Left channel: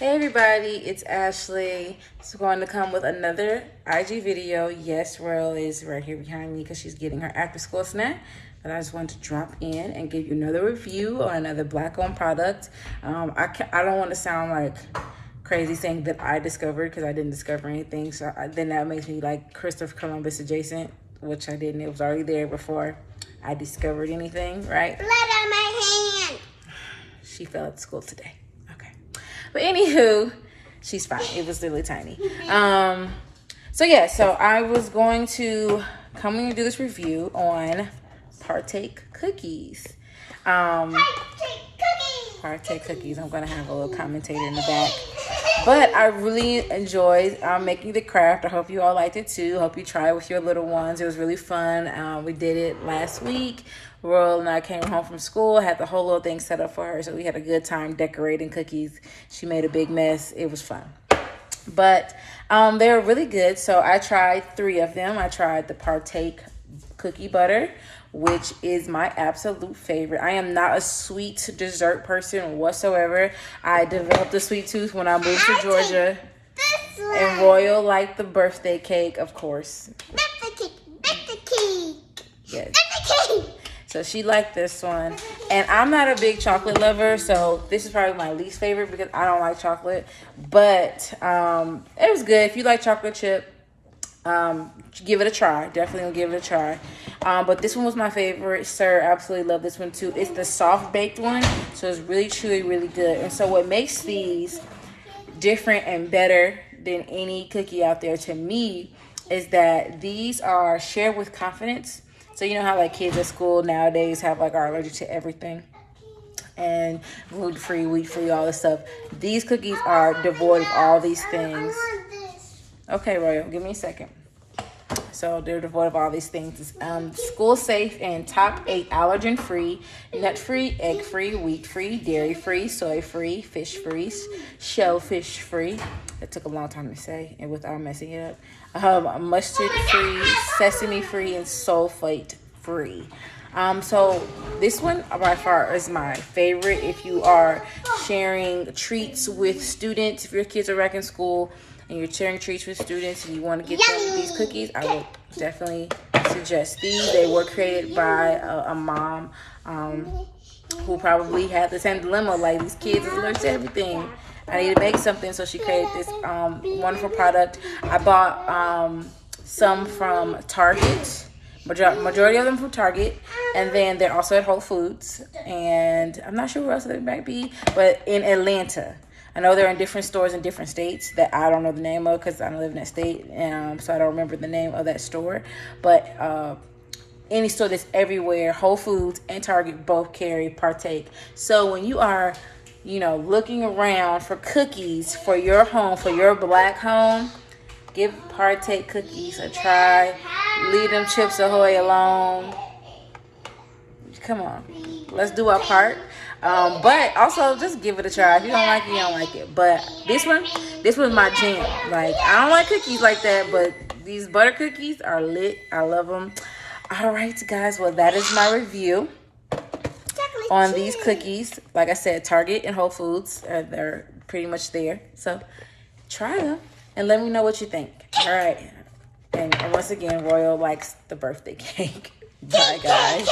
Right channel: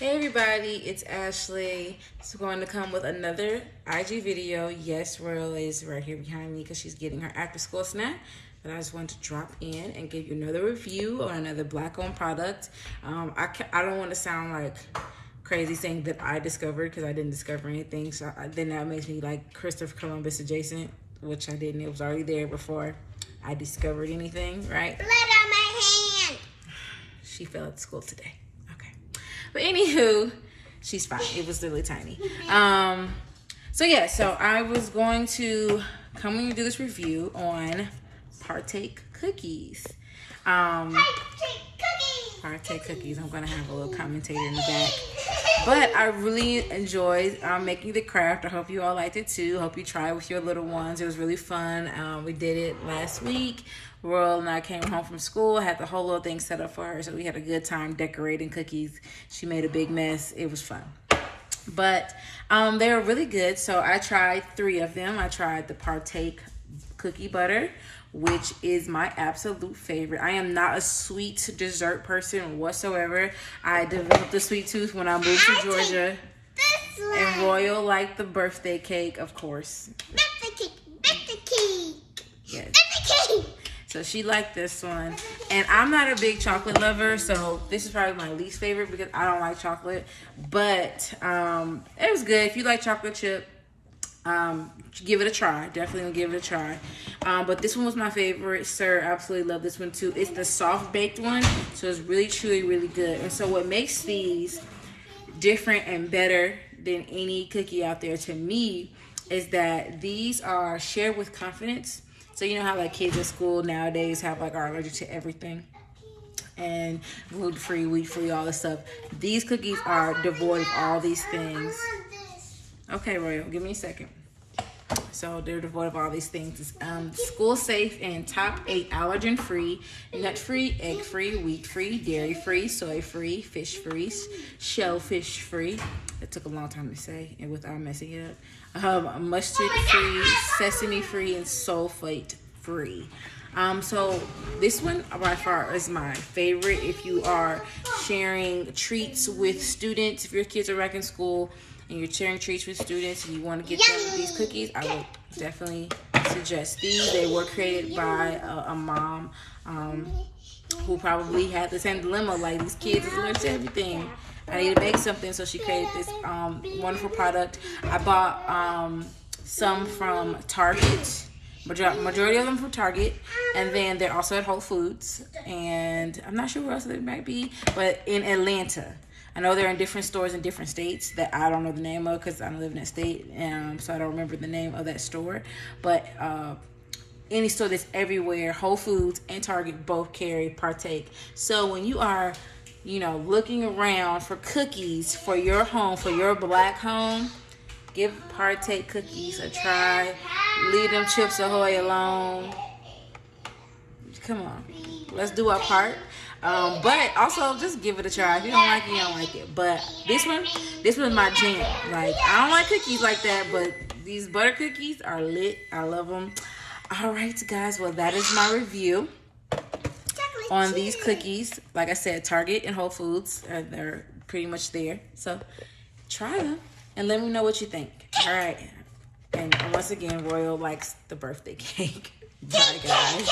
Hey everybody, it's Ashley. She's going to come with another IG video. Yes, Royal is right here behind me because she's getting her after school snack. But I just wanted to drop in and give you another review on another Black-owned product. I don't want to sound like crazy saying that I discovered because I didn't discover anything. So then that makes me like Christopher Columbus adjacent, which I didn't. It was already there before I discovered anything, right? Blood on my hand. She fell at school today. But anywho, she's fine. It was really tiny. So I was going to come and do this review on Partake cookies. Partake cookies. I'm going to have a little commentator in the back. But I really enjoyed making the craft. I hope you all liked it too. Hope you try it with your little ones. It was really fun. We did it last week. Royal and I came home from school, had the whole little thing set up for her. So we had a good time decorating cookies. She made a big mess. It was fun. But they were really good. So I tried 3 of them. I tried the Partake cookie butter, which is my absolute favorite. I am not a sweet dessert person whatsoever. I developed a sweet tooth when I moved to Georgia. And Royal liked the birthday cake, of course. Birthday cake. Yes. Birthday cake. So she liked this one. And I'm not a big chocolate lover, so this is probably my least favorite because I don't like chocolate. But it was good. If you like chocolate chip, give it a try. Definitely give it a try. But this one was my favorite. Sir absolutely love this one too. It's the soft baked one, so it's really truly really good. And so what makes these different and better than any cookie out there to me is that these are shared with confidence. So you know how like kids at school nowadays have like are allergic to everything and gluten-free, wheat-free, all this stuff. These cookies are devoid of all these things. Okay, Royal, give me a second. So they're devoid of all these things. It's school safe and top 8 allergen-free, nut-free, egg-free, wheat-free, dairy-free, soy-free, fish-free, shellfish-free. It took a long time to say and without messing it up. Mustard-free, sesame-free, and sulfate-free. So this one by far is my favorite. If you are sharing treats with students, if your kids are back in school and you're sharing treats with students and you want to get them these cookies, I would definitely suggest these. They were created by a mom who probably had the same dilemma, like these kids are allergic to everything. I need to make something, so she created this wonderful product. I bought some from Target, majority of them from Target, and then they're also at Whole Foods, and I'm not sure where else they might be, but in Atlanta. I know they're in different stores in different states that I don't know the name of because I don't live in that state, so I don't remember the name of that store, but any store that's everywhere, Whole Foods and Target both carry Partake. So when you are looking around for cookies for your home, for your Black home, give Partake cookies a try. Leave them Chips Ahoy alone. Come on, let's do our part. But also just give it a try. If you don't like it, you don't like it. But this was my jam. Like, I don't like cookies like that, but these butter cookies are lit. I love them. All right, guys. Well, that is my review on these cookies. Like I said, Target and Whole Foods, they're pretty much there. So try them and let me know what you think. All right. And once again, Royal likes the birthday cake. Bye, guys.